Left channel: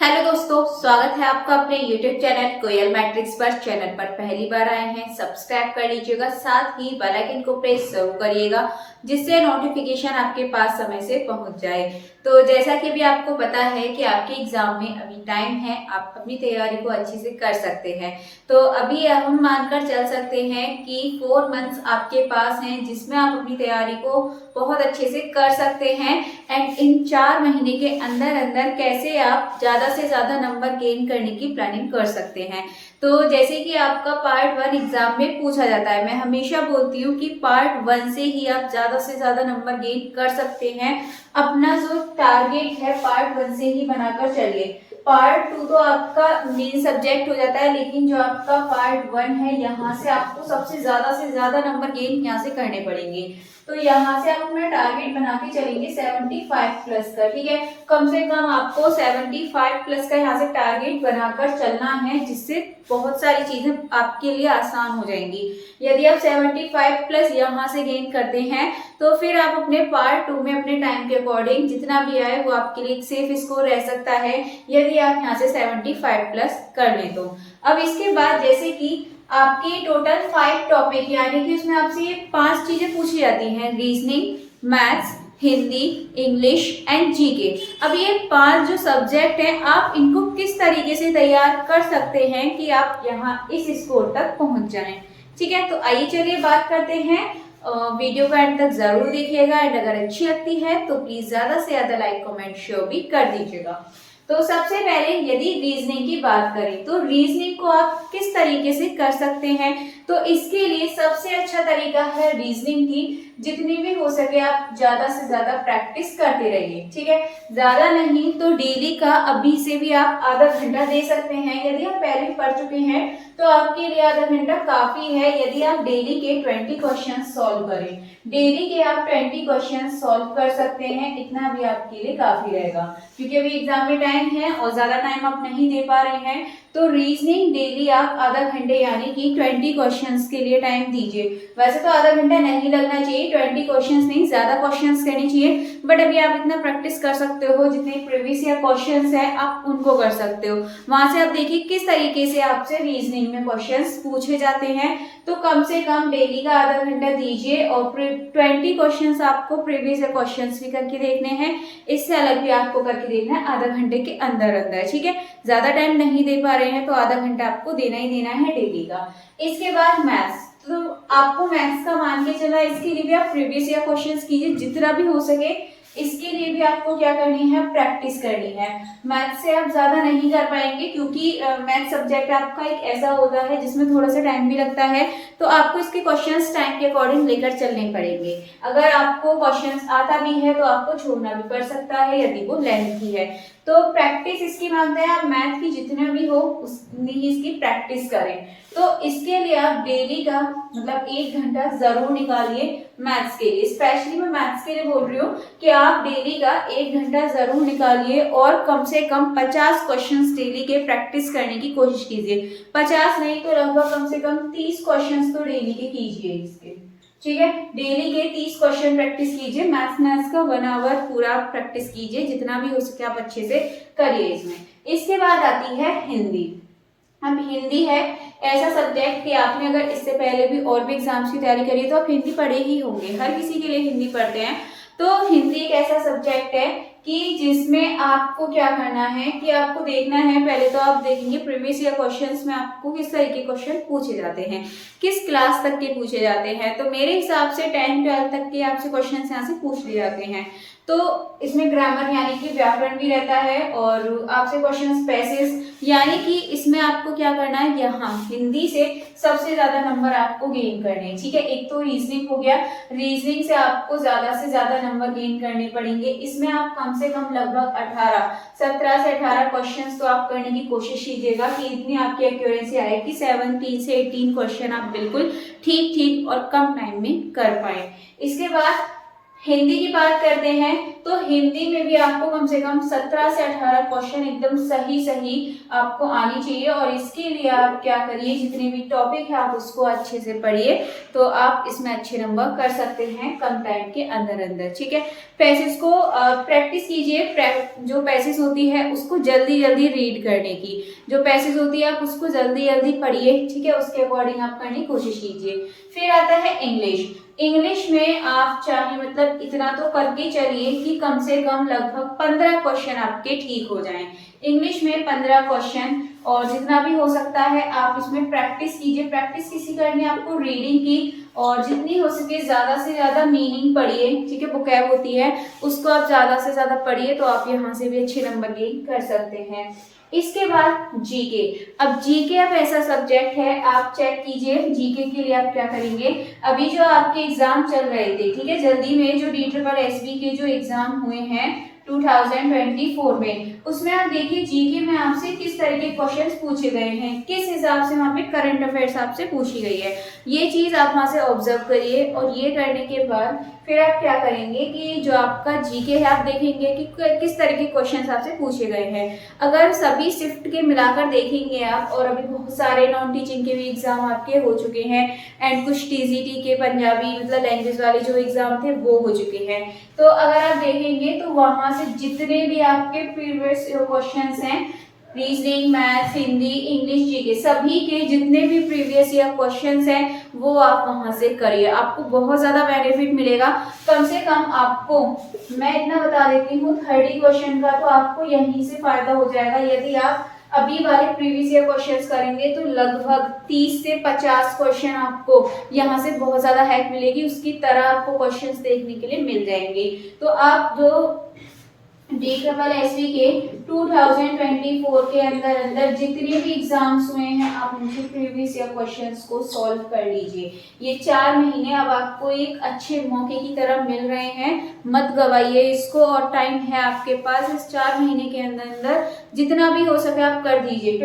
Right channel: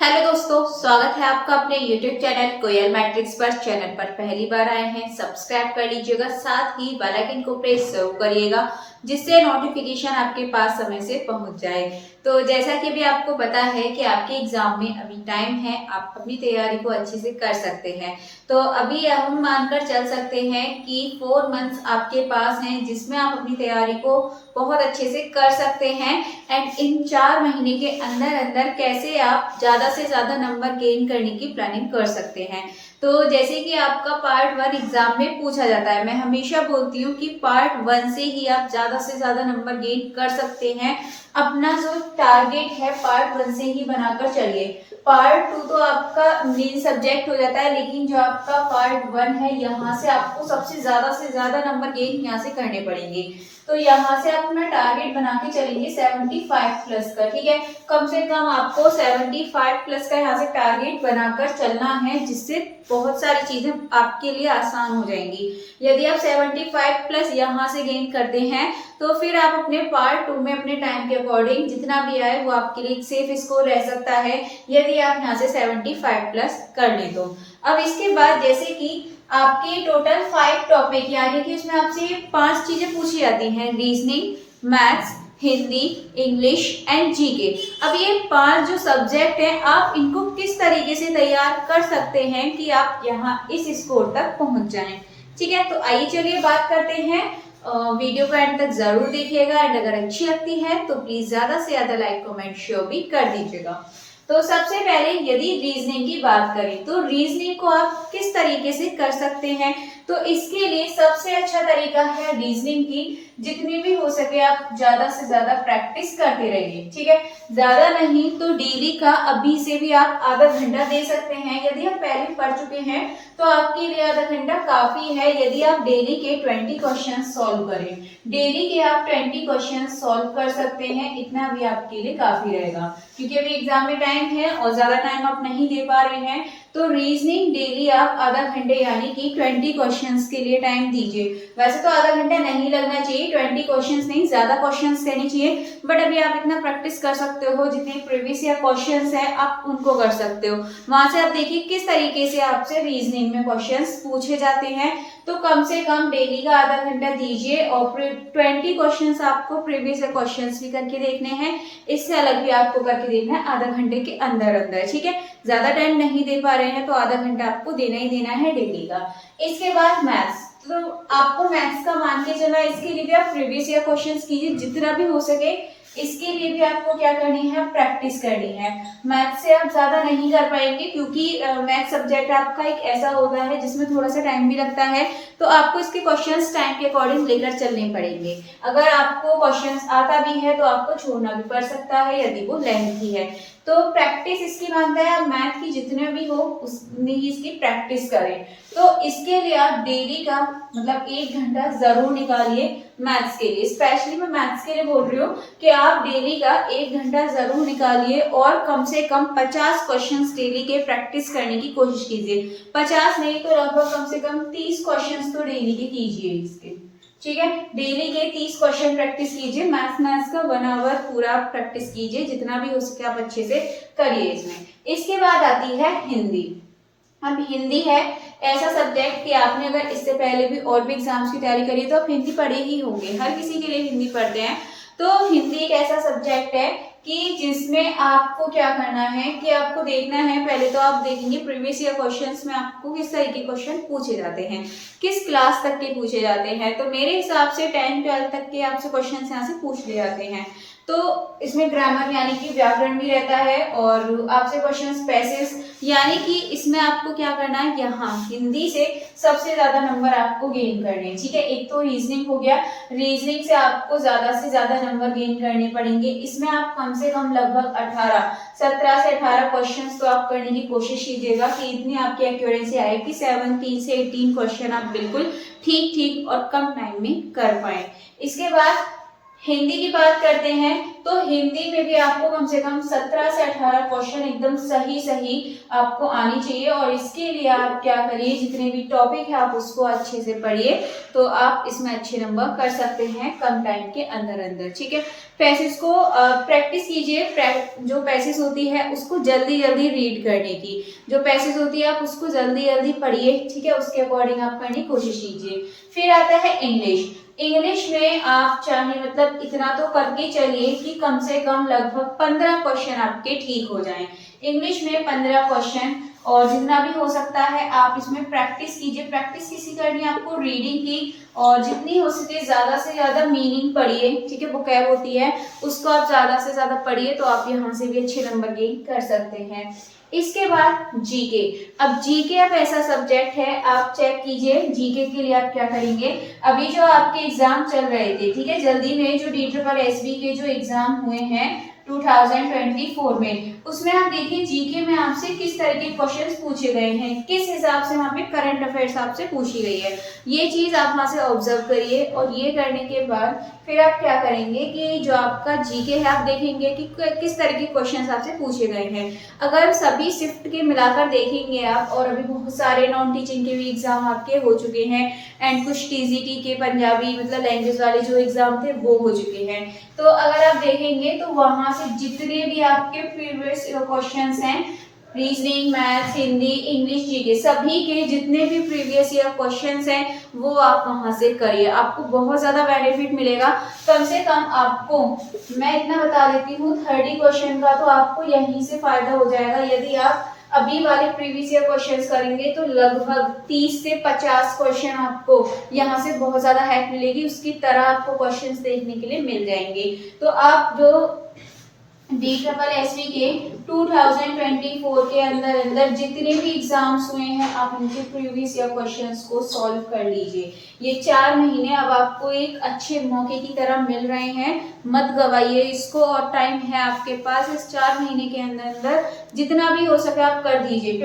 Hello दोस्तों, स्वागत है आपका अपने YouTube चैनल कोयल मैट्रिक्स पर। चैनल पर पहली बार आए हैं, सब्सक्राइब कर लीजिएगा, साथ ही बेल आइकन को प्रेस जरूर करिएगा जिससे नोटिफिकेशन आपके पास समय से पहुंच जाए। तो जैसा कि भी आपको पता है कि आपके एग्जाम में अभी टाइम है, आप अपनी तैयारी को अच्छे से कर सकते हैं। तो अभी हम मानकर चल सकते हैं कि 4 मंथ्स आपके पास हैं जिसमें आप अपनी तैयारी को बहुत अच्छे से कर सकते हैं। एंड इन 4 महीने के अंदर अंदर कैसे आप ज्यादा से ज्यादा नंबर गेन करने की प्लानिंग कर सकते हैं। तो जैसे कि आपका पार्ट 1 एग्जाम में पूछा जाता है, मैं हमेशा बोलती हूँ कि पार्ट 1 से ही आप ज्यादा से ज्यादा नंबर गेन कर सकते हैं। अपना जो टारगेट है पार्ट 1 से ही बनाकर चलिए। पार्ट 2 तो आपका मेन सब्जेक्ट हो जाता है, लेकिन जो आपका पार्ट 1 है यहाँ से आपको सबसे ज्यादा नंबर गेन यहाँ से करने पड़ेंगे। तो यहाँ से आप अपना टारगेट बना के चलेंगे 75 प्लस का, ठीक है। कम से कम आपको 75 प्लस का यहाँ से टारगेट बनाकर चलना है, जिससे बहुत सारी चीजें आपके लिए आसान हो जाएंगी। यदि आप 75 प्लस यहाँ से गेन करते हैं तो फिर आप अपने पार्ट 2 में अपने टाइम के अकॉर्डिंग जितना भी आए वो आपके लिए एक सेफ स्कोर रह सकता है, यदि आप यहाँ से 75 प्लस कर लें तो। अब इसके बाद जैसे कि आपके टोटल 5 टॉपिक, यानी कि उसमें आपसे 5 चीजें पूछी जाती हैं: reasoning, maths, Hindi, English and GK. अब ये 5 जो सब्जेक्ट है, आप इनको किस तरीके से तैयार कर सकते हैं कि आप यहाँ इस स्कोर तक पहुंच जाएं, ठीक है। तो आइए चलिए बात करते हैं। वीडियो को एंड तक जरूर देखिएगा एंड अगर अच्छी लगती है तो प्लीज ज्यादा से ज्यादा लाइक कमेंट शेयर भी कर दीजिएगा। तो सबसे पहले यदि रीजनिंग की बात करें तो रीजनिंग को आप किस तरीके से कर सकते हैं, तो इसके लिए सबसे अच्छा तरीका है रीजनिंग की जितनी भी हो सके आप ज्यादा से ज्यादा प्रैक्टिस करते रहिए, ठीक है। ज्यादा नहीं तो डेली का अभी से भी आप आधा घंटा दे सकते हैं। यदि आप पहले पढ़ चुके हैं तो आपके लिए आधा घंटा काफी है। यदि आप डेली के 20 क्वेश्चन सॉल्व करें, डेली के आप 20 क्वेश्चन सॉल्व कर सकते हैं, इतना भी आपके लिए काफी रहेगा। क्योंकि अभी एग्जाम में टाइम है और ज्यादा टाइम आप नहीं दे पा रहे हैं, तो रीजनिंग डेली आप आधा घंटे यानी कि 20 क्वेश्चंस के लिए टाइम दीजिए। वैसे तो आधा घंटा नहीं लगना चाहिए, 20 क्वेश्चंस नहीं ज्यादा क्वेश्चंस करने चाहिए, बट अभी आप इतना प्रैक्टिस कर सकते हो, जितने प्रीवियस ईयर क्वेश्चंस है आप उनको कर सकते हो। वहां से आप देखिए किस तरीके से आपसे रीजनिंग में क्वेश्चंस पूछे जाते हैं। तो कम से कम डेली का आधा घंटा दीजिए और 20 क्वेश्चंस आपको प्रीवियस ईयर क्वेश्चंस भी करके देखने हैं, इससे अलग भी आपको करके देखना है आधा घंटे के अंदर अंदर, ठीक है। ज्यादा टाइम नहीं दे पा रहे हैं तो आधा घंटा आपको देना ही देना है डेली का। इसके बाद मैथ्स, तो आपको मैथ्स का मान के चलना, इसके लिए भी आप प्रीवियस ईयर क्वेश्चंस कीजिए जितना भी हो सके। इसके लिए भी आपको क्या करनी है, प्रैक्टिस करनी है। मैथ से आप ज्यादा नहीं कर पाएंगे क्योंकि मैथ सब्जेक्ट आपका एक ऐसा होता है जिसमें थोड़ा सा टाइम भी लगता है, तो आपको इसके क्वेश्चंस टाइम के अकॉर्डिंग लेकर चलने पड़ेंगे। अगर आपको क्वेश्चंस आता भी है तो आपको छोड़ना भी पड़ सकता है यदि वो लेंथी है। तो प्रैक्टिस इसकी मांगता है, आप मैथ की जितने भी हो उतनी ही इसकी प्रैक्टिस करें। तो इसके लिए आप डेली का मतलब 1 घंटा जरूर निकालिए मैथ्स के लिए। स्पेशली मैं मैथ्स के लिए बोल रही हूँ कि आप डेली का 1 घंटा जरूर निकालिए और कम से कम 50 क्वेश्चंस डेली के प्रैक्टिस करने की कोशिश कीजिए। 50 नहीं तो लगभग कम से कम 30 क्वेश्चंस तो डेली के कीजिए इसके, ठीक है। डेली के 30 क्वेश्चन प्रैक्टिस कीजिए। मैथ्स का 1 आवर पूरा प्रैक्टिस कीजिए, जितना भी हो सके आप अच्छे से करिए इसमें। इसके बाद आती है हिंदी। अब हिंदी है ऐसा सब्जेक्ट कि आपने अगर इससे पहले भी और भी एग्जाम्स की तैयारी करी है तो आप हिंदी पढ़े ही होंगे, हर किसी के लिए हिंदी पढ़ते हैं। तो हिंदी एक ऐसा सब्जेक्ट है कि जिसमें आपको क्या करना है कि आपको देखना है, पहले तो आप देखेंगे प्रीवियस ईयर क्वेश्चंस में आपको किस तरह के क्वेश्चन पूछे जाते हैं, किस क्लास तक के पूछे जाते हैं। तो मेरे हिसाब से 10-12 तक के आपसे क्वेश्चन यहाँ से पूछ लिए जाते हैं। तो इसमें ग्रामर यानी कि व्याकरण भी रहता है और आपसे क्वेश्चंस पैसेज, यानी कि इसमें आपको क्या करना है, यहाँ हिंदी से सबसे ज्यादा नंबर आपको गेन करने हैं, ठीक है। एक तो रीजनिंग हो गया, रीजनिंग से आपको ज्यादा से ज्यादा नंबर गेन करने पड़ेंगे। इसमें आप कम से कम लगभग 17 से 18 क्वेश्चंस तो आप करने की कोशिश कीजिएगा कि इतनी आपकी एक्यूरेसी आए कि 17 से 18 क्वेश्चन आप बिल्कुल ठीक और कम टाइम में कर पाए। इसके बाद हिंदी की बात करते हैं तो हिंदी में भी आपको कम से कम 17 से 18 क्वेश्चन एकदम सही सही आपको आनी चाहिए। और इसके लिए आप क्या करिए, जितने भी टॉपिक है आप उसको अच्छे से पढ़िए, तो आप इसमें अच्छे नंबर कर सकते हैं कम टाइम के अंदर अंदर। ठीक है, पैसेज को प्रैक्टिस कीजिए, जो पैसेज होती है उसको जल्दी जल्दी रीड करने की, जो पैसेज होती है आप उसको जल्दी जल्दी पढ़िए। ठीक है, उसके अकॉर्डिंग आप करने की कोशिश कीजिए। फिर आता है इंग्लिश। इंग्लिश में आप चाहे मतलब इतना तो करके चलिए कि कम से कम लगभग 15 क्वेश्चन आपके ठीक हो जाएं। इंग्लिश में 15 क्वेश्चन, और जितना भी हो सकता है आप इसमें प्रैक्टिस कीजिए। प्रैक्टिस किसी करनी है आपको, रीडिंग की, और जितनी हो सके ज्यादा से ज्यादा मीनिंग पढ़िए। ठीक है, वोकैब होती है उसको आप ज्यादा से ज्यादा पढ़िए, तो आप यहाँ से भी अच्छे नंबर गेन कर सकते हैं। इसके बाद जीके। अब जीके अब ऐसा सब्जेक्ट है, आप चेक कीजिए जीके के लिए आप क्या करेंगे। अभी जो आपके एग्जाम चल रहे थे, ठीक है, जल्दी में जो DSSB के जो एग्जाम हुए हैं 2024 में, उसमें आप देखिए जीके में आपसे किस तरह के क्वेश्चंस पूछे गए हैं, किस हिसाब से वहाँ पे करंट अफेयर्स आपसे पूछी गई है, ये चीज आप वहाँ से ऑब्जर्व करिए। और ये करने के बाद फिर आप क्या करेंगे कि जो आपका जीके है आप देखेंगे कि किस तरह के क्वेश्चंस आपसे पूछे गए हैं। अगर सभी शिफ्ट के मिलाकर देखेंगे आप, और अभी बहुत सारे नॉन टीचिंग के भी एग्जाम आपके हो चुके हैं, एंड कुछ TGT के पंजाबी मतलब लैंग्वेज वाले जो एग्जाम थे वो हो चुके हैं, तो अगर आप देखेंगे तो वहां से जितने भी आपके प्रीवियस क्वेश्चंस हैं, reasoning, math, Hindi, English, GK, सभी के जितने भी प्रीवियस ईयर क्वेश्चंस हैं वो आप वहां से करिए। आपको बहुत ज्यादा बेनिफिट मिलेगा। कम से कम आपको मैं इतना बता देती हूँ, 30 क्वेश्चन का तो आपको यहीं से फायदा हो जाएगा। यदि आप अभी वाले प्रीवियस ईयर क्वेश्चंस करेंगे तो लगभग 30 से 50 क्वेश्चन आपको यहाँ से बहुत ज्यादा हेल्प मिलेगी, उसकी तरह आपको क्वेश्चंस देखने के लिए मिल जाएंगे। तो आप जो DSSB के 2024 के अंदर जितने भी एग्जाम्स हुए हैं आप उनके प्रीवियस ईयर क्वेश्चंस को सॉल्व कर लीजिए। ये 4 महीने अब आपको एक अच्छे मौके की तरह मिल रहे हैं, मत गवाइए इसको, और टाइम है आपके पास। इस 4 महीने के अंदर जितना भी हो सके आप कर दीजिए।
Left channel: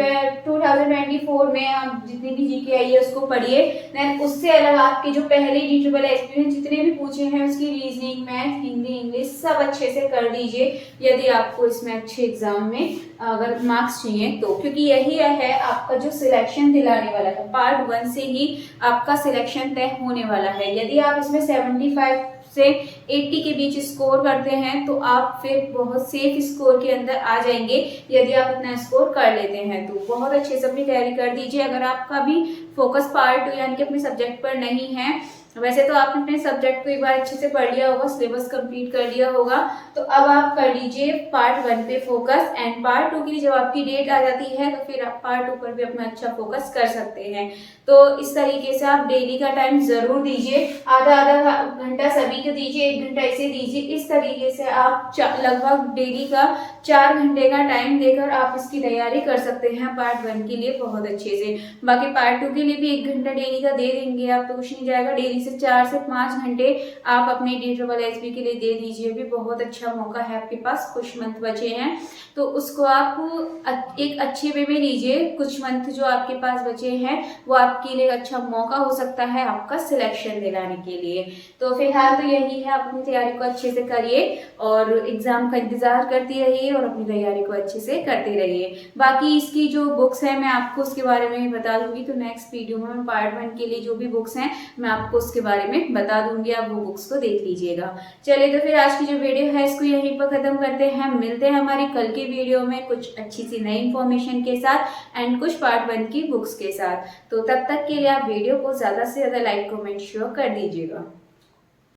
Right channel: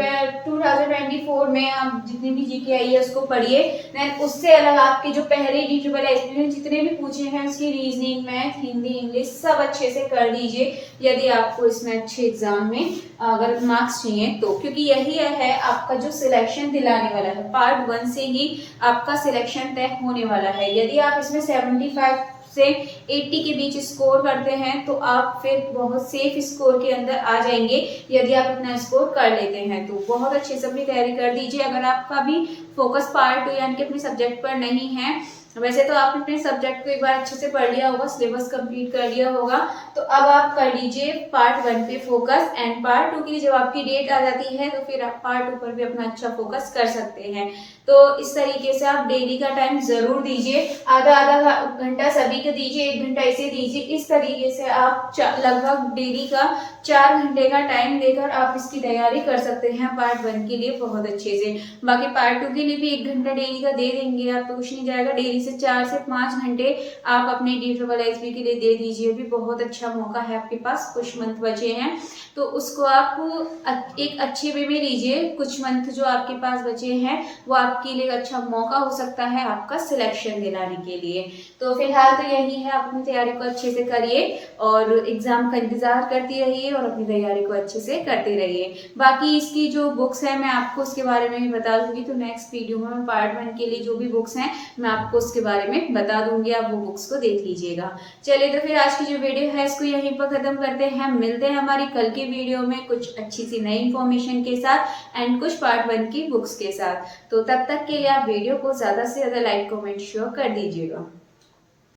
2024 में आप जितनी भी जीके आई है उसको पढ़िए। देन उससे अलग आपके जो पहले DSSB में जितने भी पूछे हैं उसकी रीजनिंग, मैथ, हिंदी, इंग्लिश सब अच्छे से कर दीजिए, यदि आपको इसमें अच्छे एग्जाम में अगर मार्क्स चाहिए तो, क्योंकि यही है आपका जो सिलेक्शन दिलाने वाला है। पार्ट 1 से ही आपका सिलेक्शन तय होने वाला है। यदि आप इसमें 75 से 80 के बीच स्कोर करते हैं तो आप फिर बहुत सेफ स्कोर के अंदर आ जाएंगे। यदि आप इतना स्कोर कर लेते हैं तो बहुत अच्छे से अपनी तैयारी कर दीजिए। अगर आपका भी फोकस पार्ट 2 यानी कि अपने सब्जेक्ट पर नहीं है, वैसे तो आपने अपने सब्जेक्ट को एक बार अच्छे से पढ़ लिया होगा, सिलेबस कंप्लीट कर लिया होगा, तो अब आप कर लीजिए पार्ट 1 पे फोकस, एंड पार्ट 2 की जब आपकी डेट आ जाती है तो फिर आप पार्ट 2 पर भी अपना अच्छा फोकस कर सकते हैं। तो इस तरीके से आप डेली का टाइम जरूर दीजिए, आधा आधा घंटा सभी को दीजिए, 1 घंटा इसे दीजिए। इस तरीके से आप लगभग डेली का 4 घंटे का टाइम देकर आप इसकी तैयारी कर सकते हैं पार्ट 1 के लिए बहुत अच्छे से। बाकी पार्ट 2 के लिए भी 1 घंटा डेली का दे देंगे आप तो कुछ नहीं जाएगा। डेली से 4 से 5 घंटे आप अपने DSSB के लिए दे दीजिए, भी बहुत अच्छा मौका है आपके पास। कुछ मंथ बचे हैं तो उसको आप एक अच्छे वे में लीजिए। कुछ मंथ जो आपके पास बचे हैं वो आपके लिए अच्छा मौका हो सकता है आपका सिलेक्शन दिलाने के लिए। तो फिलहाल तो यही है, आप अपनी तैयारी को अच्छे से करिए और एग्जाम का इंतजार करते रहिए और अपनी तैयारी को अच्छे से करते रहिए। बाकी इसकी जो बुक्स है मैं आपको उसके बारे में भी बता दूंगी, तो नेक्स्ट वीडियो में मैं पार्ट 1 के लिए जो भी बुक्स हैं मैं आपको उसके बारे में बता दूंगी, आप वो बुक्स को देख लीजिएगा। चलिए तो फिर आज की जो वीडियो है इसको यहीं पर खत्म करते हैं। मिलते हैं हमारी कल की वीडियो में कुछ अच्छी सी नई इन्फॉर्मेशन के साथ एंड कुछ पार्ट 1 की बुक्स के साथ। तो तब तक के लिए आप वीडियो को ज्यादा से ज्यादा लाइक, कमेंट, शेयर कर दीजिएगा।